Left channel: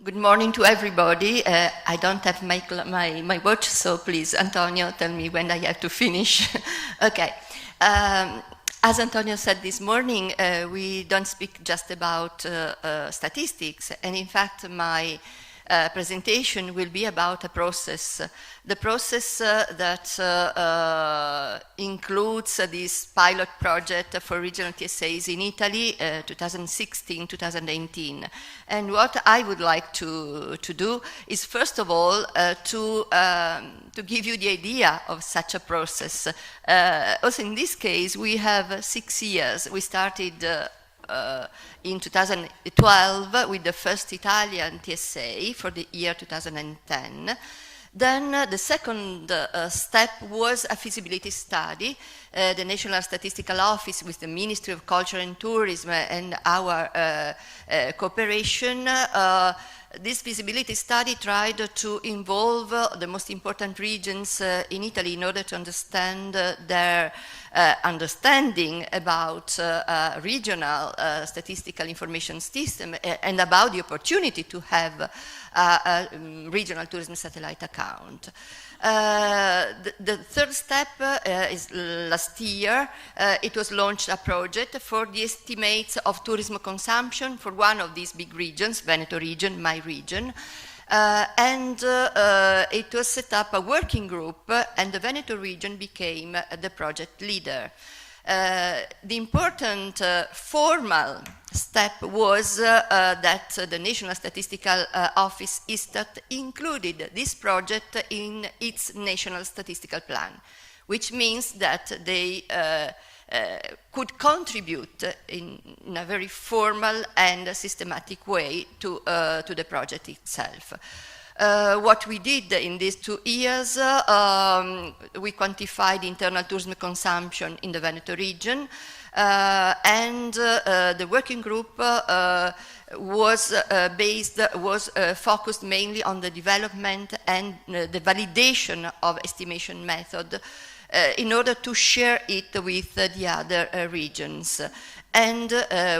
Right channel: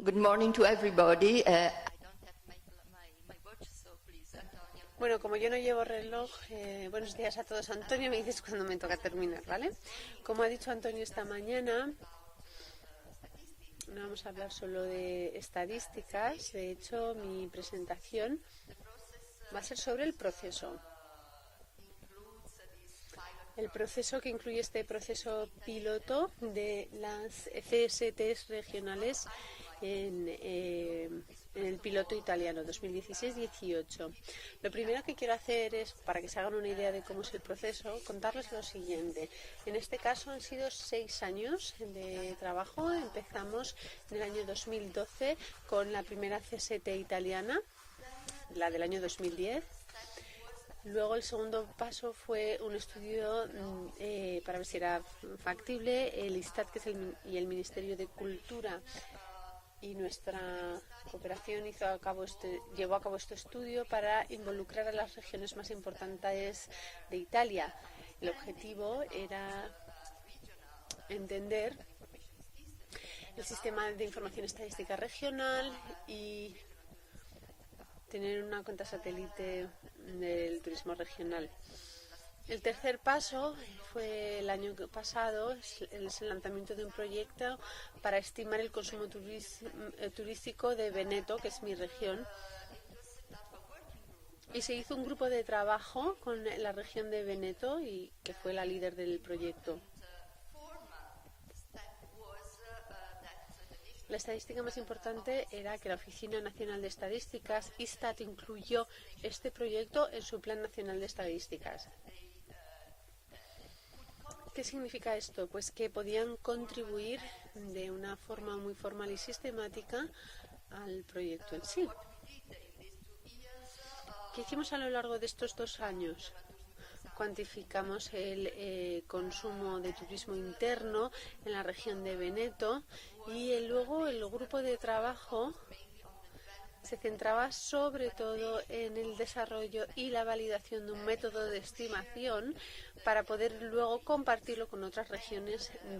Good morning to everybody. I don't have my watch, so please, Antonio, tell me when I have to finish. Okay. As Antonio said this morning, we don't speak just about statistics, and in fact, my presentation will be about a process. The process that includes this pilot project for regional TSAs in Italy, 2016-2018. And what I would like to do is, first of all, to give you the idea of such a process. Also, in this case, we have 6 years. We started in 2012 with the first Italian TSA for the year 2010. Then the second step was a feasibility study. The National Statistical Office with the Ministry of Culture and Tourism and our cooperation, this feasibility study tried to involve the most important regions in Italy in order to understand their understanding about regional statistical information system and about the opportunity to have a regional tourism satellite account. The third step is last year. It was launched a project for the estimates of tourism consumption for one of these big regions, Veneto region, my region, and it was set up a working group, and the Veneto region became the project leader. The important formal step was that the National Statistical Office, ISTAT, included this project in its National Statistical Plan, which means that they could contribute in a very formal and systematic way to the project itself. What we did in these 2 years, we quantified internal tourism consumption in the Veneto region, and the working group was focused mainly on the development and the validation of estimation method in order to share it with the other regions. And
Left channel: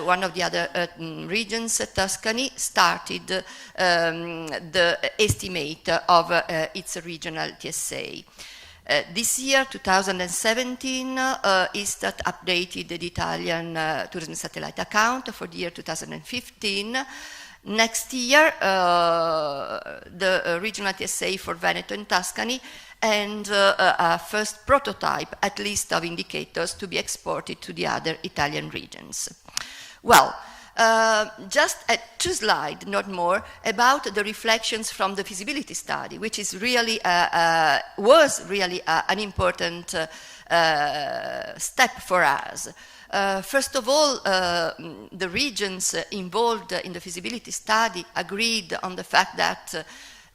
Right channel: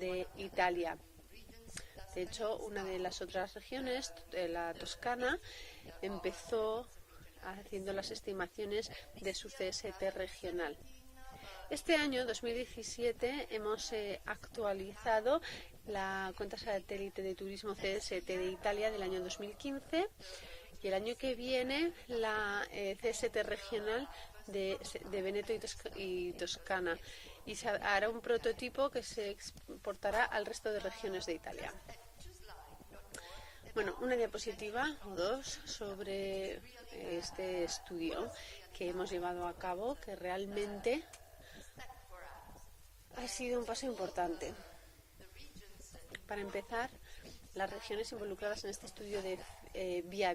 one of the other regions, Tuscany, started the estimate of its regional TSA. This year, 2017, ISTAT updated the Italian tourism satellite account for the year 2015. Next year, the regional TSA for Veneto and Tuscany, and a first prototype, at least, of indicators to be exported to the other Italian regions. Well, just 2 slides, not more, about the reflections from the feasibility study, which is really was really an important step for us. First of all, the regions involved in the feasibility study agreed on the fact that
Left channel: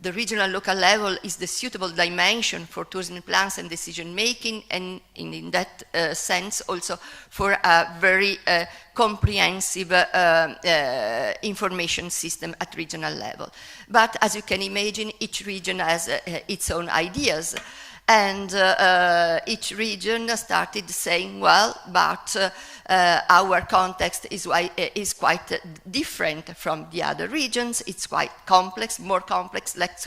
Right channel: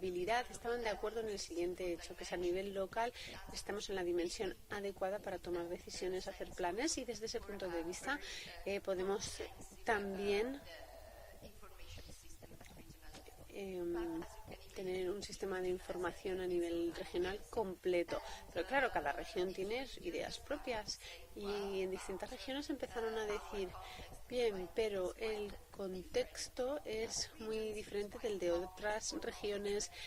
the regional local level is the suitable dimension for tourism plans and decision making, and in that sense also for a very comprehensive information system at regional level. But as you can imagine, each region has its own ideas, and each region started saying, well, but our context is quite different from the other regions. It's quite complex, more complex, less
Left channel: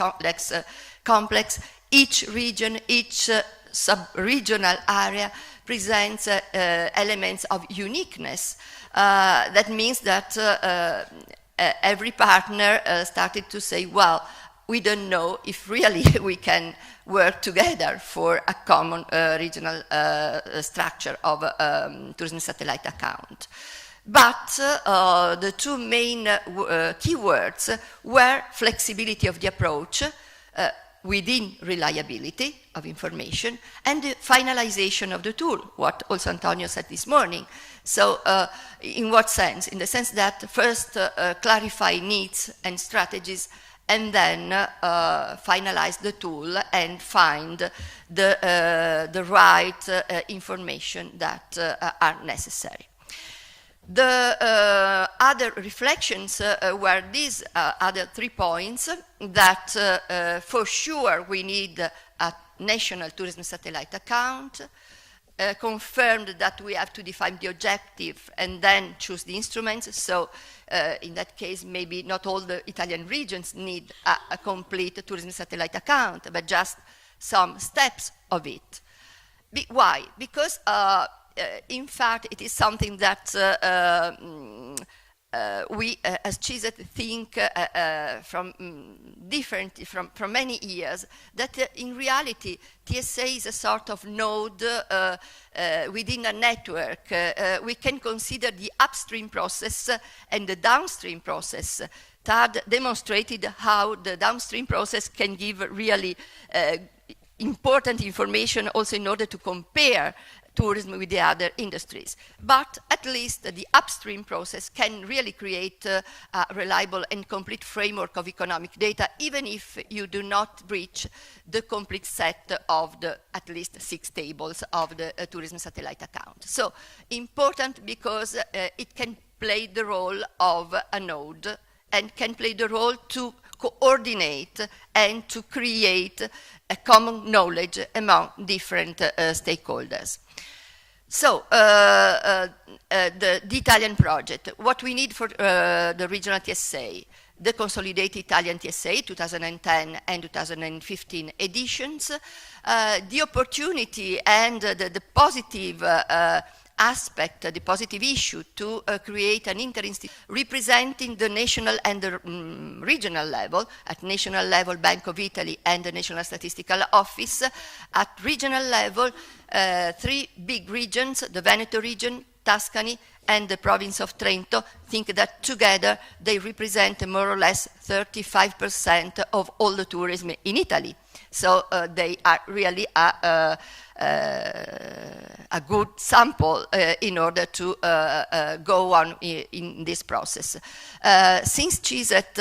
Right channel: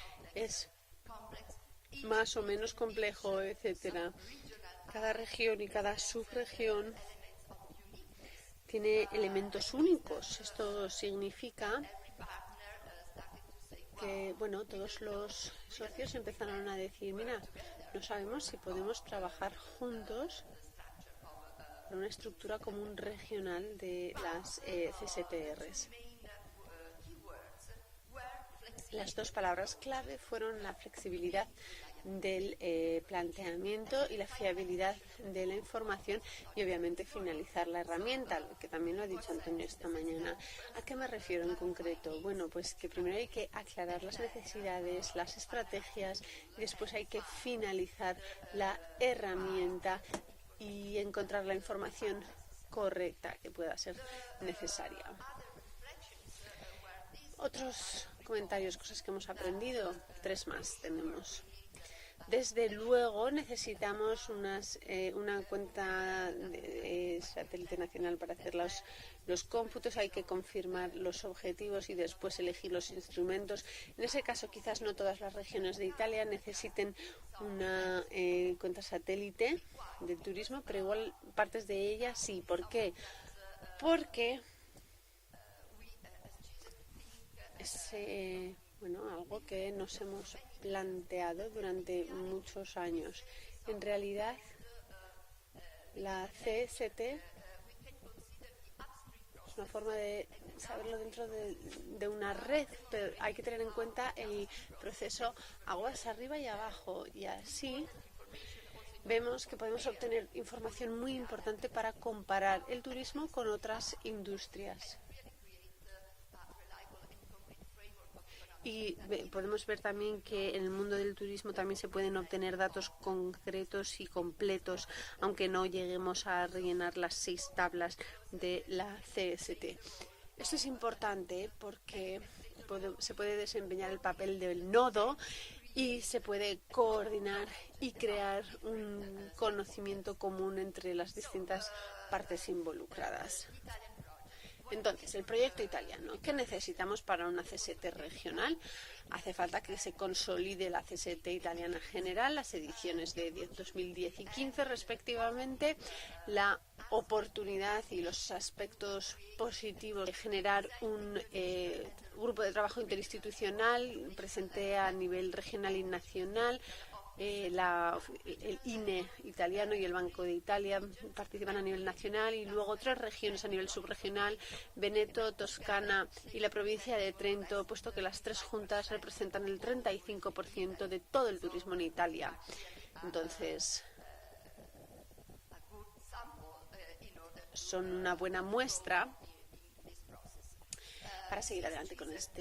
complex. Each region, each sub-regional area presents elements of uniqueness. That means that every partner started to say, well, we don't know if really we can work together for a common regional structure of tourism satellite account. But the 2 main keywords were flexibility of the approach within reliability of information, and the finalization of the tool, what also Antonio said this morning. So in what sense? In the sense that first clarify needs and strategies, and then finalize the tool and find the right information that are necessary. The other reflections were these other 3 points, that for sure we need a national tourism satellite account, confirmed that we have to define the objective and then choose the instruments. So in that case, maybe not all the Italian regions need a complete tourism satellite account, but just some steps of it. Why? Because in fact, it is something that we, as CISET, think from many years, that in reality, TSA is a sort of node within a network. We can consider the upstream process and the downstream process. TAD demonstrated how the downstream process can give really important information also in order to compare tourism with the other industries. But at least the upstream process can really create a reliable and complete framework of economic data, even if you do not reach the complete set of the at least 6 tables of the tourism satellite account. So important because it can play the role of a node and can play the role to coordinate and to create a common knowledge among different stakeholders. So, the Italian project, what we need for the regional TSA, the consolidated Italian TSA 2010 and 2015 editions, the opportunity and the positive aspect, the positive issue to create an representing the national and the regional level. At national level, Bank of Italy and the National Statistical Office. At regional level, 3 big regions, the Veneto region, Tuscany, and the province of Trento, think that together they represent more or less 35% of all the tourism in Italy. So they are really a good sample in order to go on in this process. Since CISET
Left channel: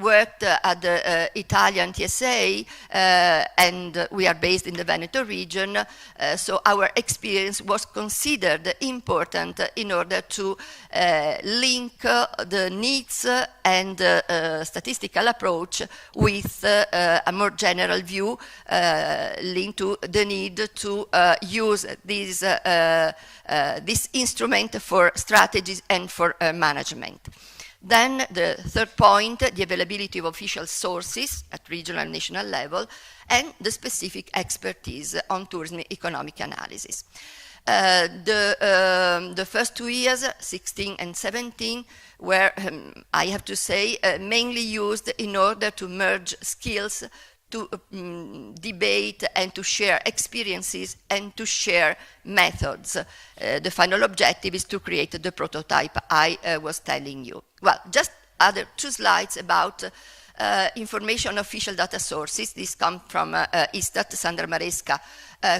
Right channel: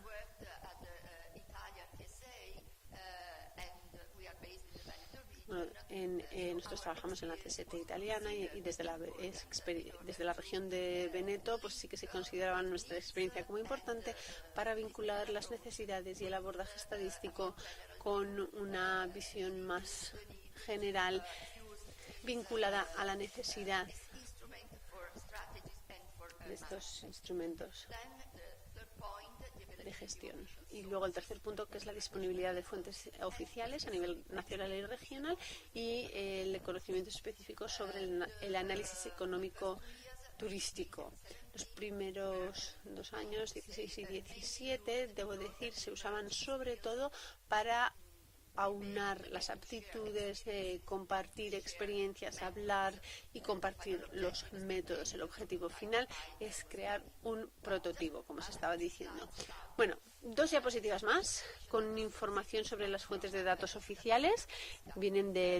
worked at the Italian TSA and we are based in the Veneto region, so our experience was considered important in order to link the needs and statistical approach with a more general view linked to the need to use this instrument for strategies and for management. Then the third point, the availability of official sources at regional and national level, and the specific expertise on tourism economic analysis. The first 2 years, 16 and 17, were, I have to say, mainly used in order to merge skills, to debate and to share experiences and to share methods. The final objective is to create the prototype I was telling you. Well, just other 2 slides about information on official data sources. This comes from ISTAT. Sandra Maresca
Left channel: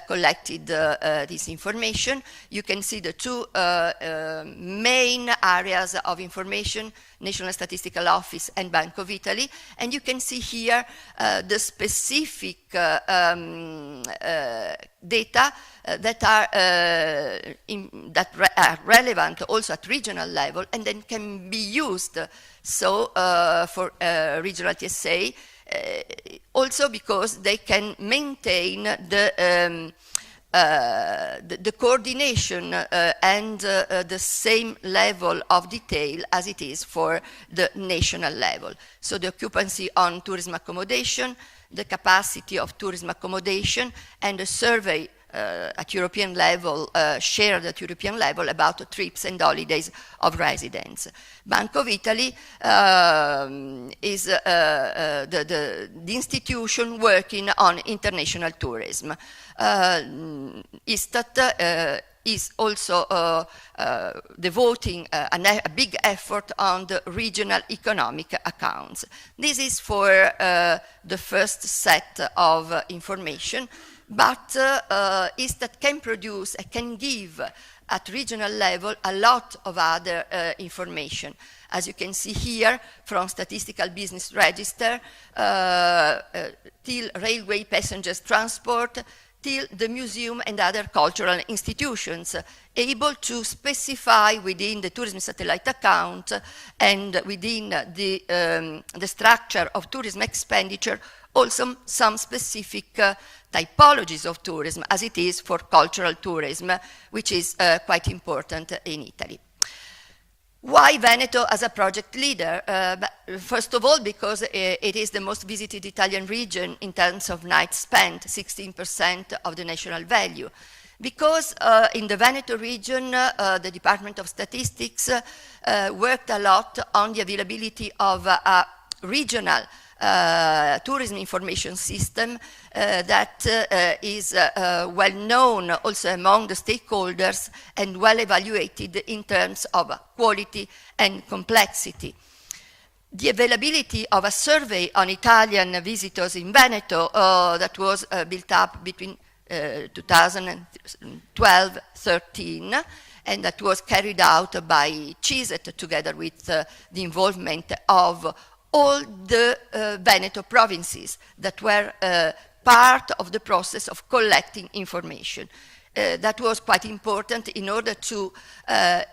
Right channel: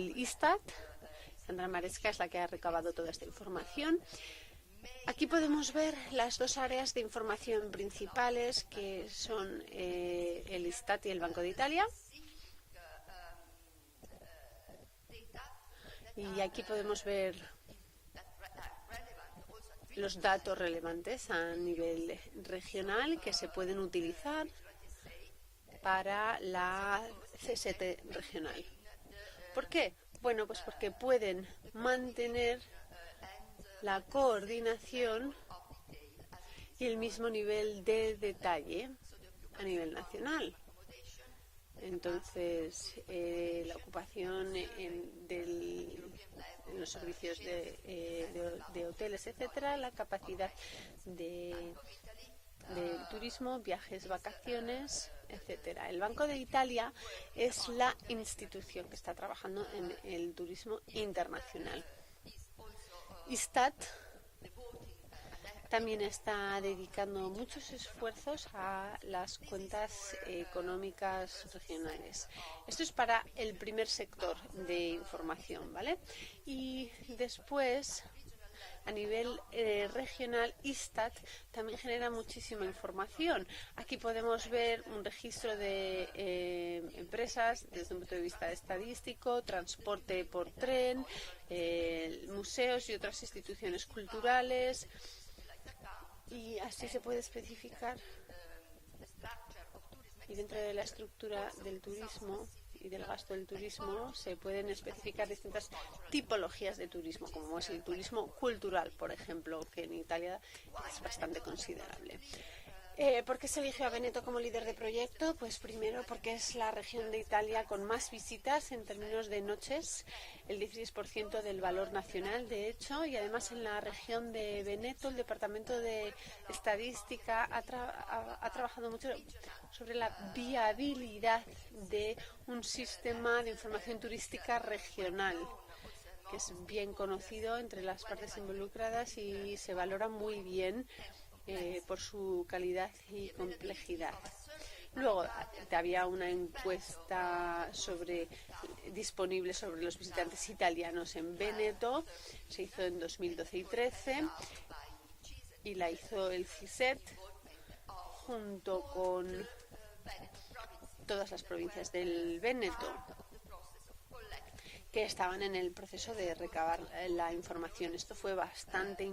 collected this information. You can see the 2 main areas of information, National Statistical Office and Bank of Italy, and you can see here the specific data that are relevant also at regional level and then can be used for regional TSA, also because they can maintain the coordination and the same level of detail as it is for the national level. So the occupancy on tourism accommodation, the capacity of tourism accommodation, and a survey at European level, shared at European level about trips and holidays of residents. Bank of Italy is the institution working on international tourism. ISTAT is also devoting a big effort on the regional economic accounts. This is for the first set of information, but ISTAT can produce and can give at regional level a lot of other information. As you can see here, from statistical business register, till railway passengers transport, till the museum and other cultural institutions. institutions able to specify within the tourism satellite account and within the structure of tourism expenditure also some specific typologies of tourism, as it is for cultural tourism, which is quite important in Italy. Why Veneto as a project leader? First of all, because it is the most visited Italian region in terms of nights spent, 16% of the national value. Because in the Veneto region, the Department of Statistics worked a lot on the availability of a regional tourism information system that is well known also among the stakeholders and well evaluated in terms of quality and complexity. The availability of a survey on Italian visitors in Veneto that was built up between 2012-13 and that was carried out by CISET together with the involvement of all the Veneto provinces that were part of the process of collecting information. That was quite important in order to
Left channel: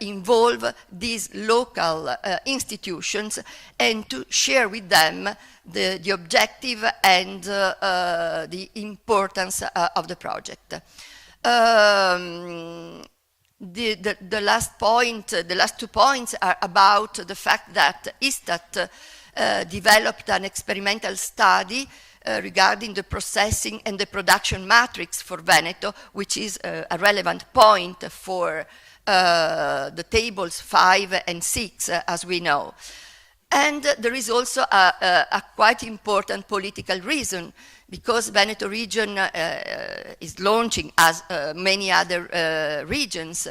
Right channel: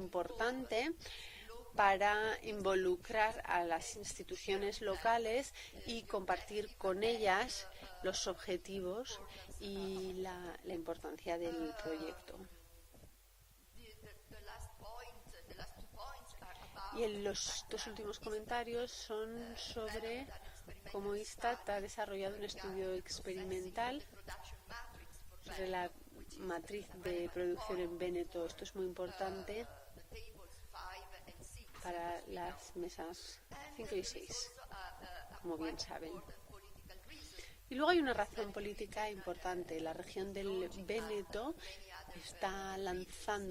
involve these local institutions and to share with them the objective and the importance of the project. The last point, the last 2 points are about the fact that ISTAT developed an experimental study regarding the processing and the production matrix for Veneto, which is a relevant point for the tables 5 and 6, as we know. And there is also a quite important political reason, because Veneto region is launching, as many other regions,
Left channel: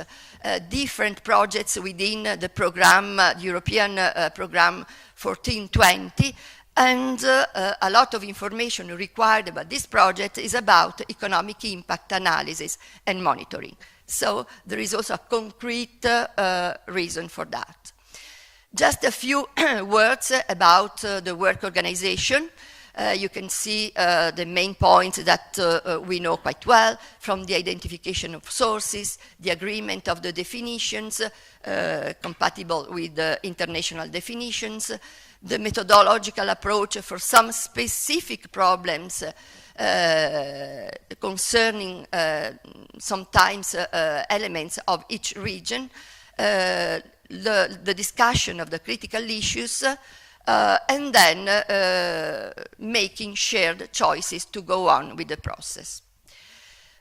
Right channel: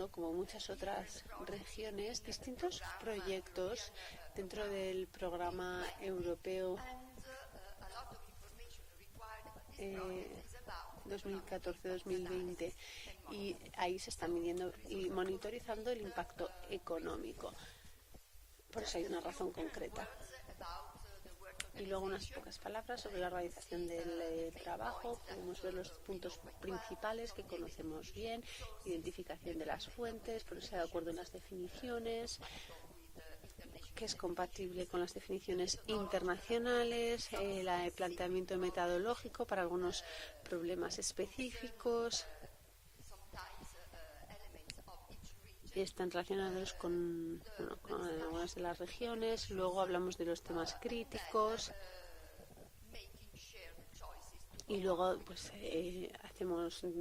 different projects within the program, European program 1420, and a lot of information required about this project is about economic impact analysis and monitoring. So there is also a concrete reason for that. Just a few words about the work organization. You can see the main points that we know quite well, from the identification of sources, the agreement of the definitions, compatible with the international definitions, the methodological approach for some specific problems concerning sometimes elements of each region, the discussion of the critical issues, and then making shared choices to go on with the process.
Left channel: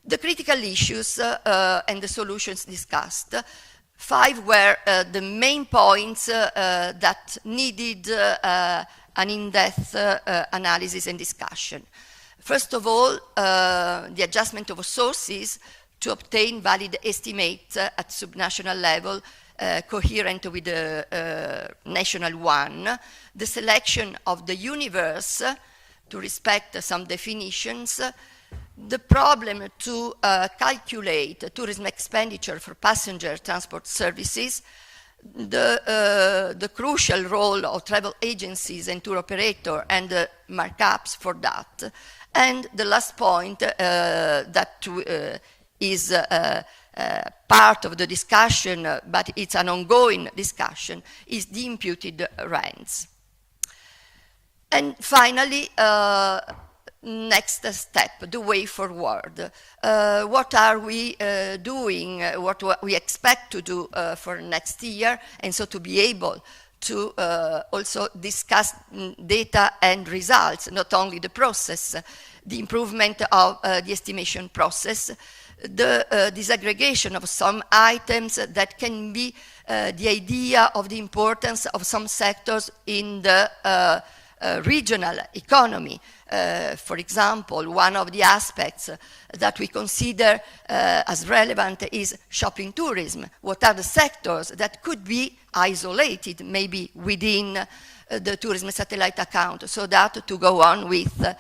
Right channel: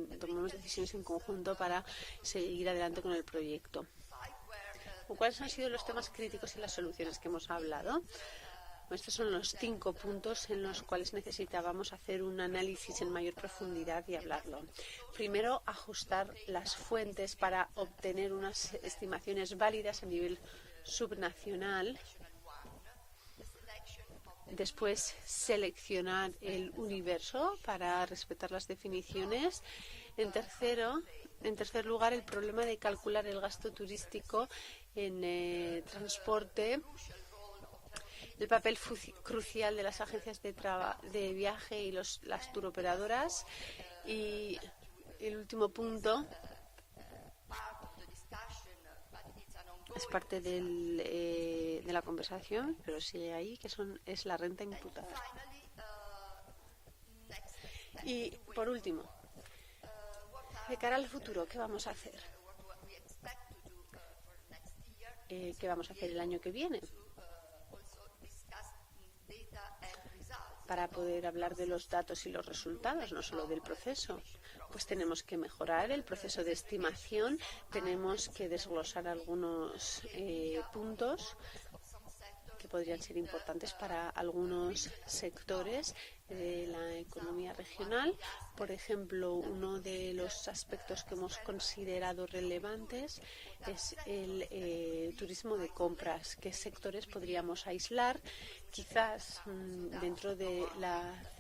The critical issues and the solutions discussed. 5 were the main points that needed an in-depth analysis and discussion. First of all, the adjustment of sources to obtain valid estimates at subnational level, coherent with the national one. The selection of the universe to respect some definitions, the problem to calculate tourism expenditure for passenger transport services, the crucial role of travel agencies and tour operator and the markups for that. And the last point that is part of the discussion, but it's an ongoing discussion, is the imputed rents. And finally, next step, the way forward. What are we doing, what we expect to do for next year, and so to be able to also discuss data and results, not only the process, the improvement of the estimation process, the disaggregation of some items that can be the idea of the importance of some sectors in the regional economy. For example, one of the aspects that we consider as relevant is shopping tourism. What are the sectors that could be isolated, maybe within the tourism satellite account, so that to go on with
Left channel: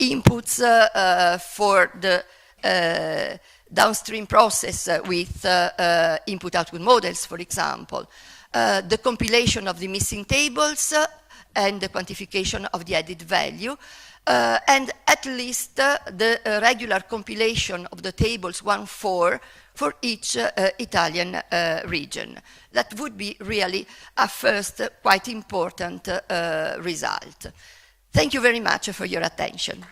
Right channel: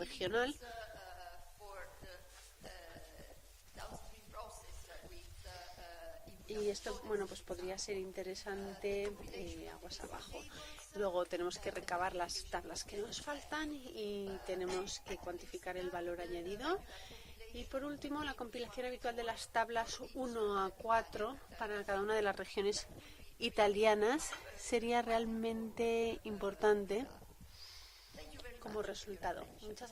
inputs for the downstream process with input-output models, for example, the compilation of the missing tables and the quantification of the added value, and at least the regular compilation of the tables 1-4 for each Italian region. That would be really a first quite important result. Thank you very much for your attention.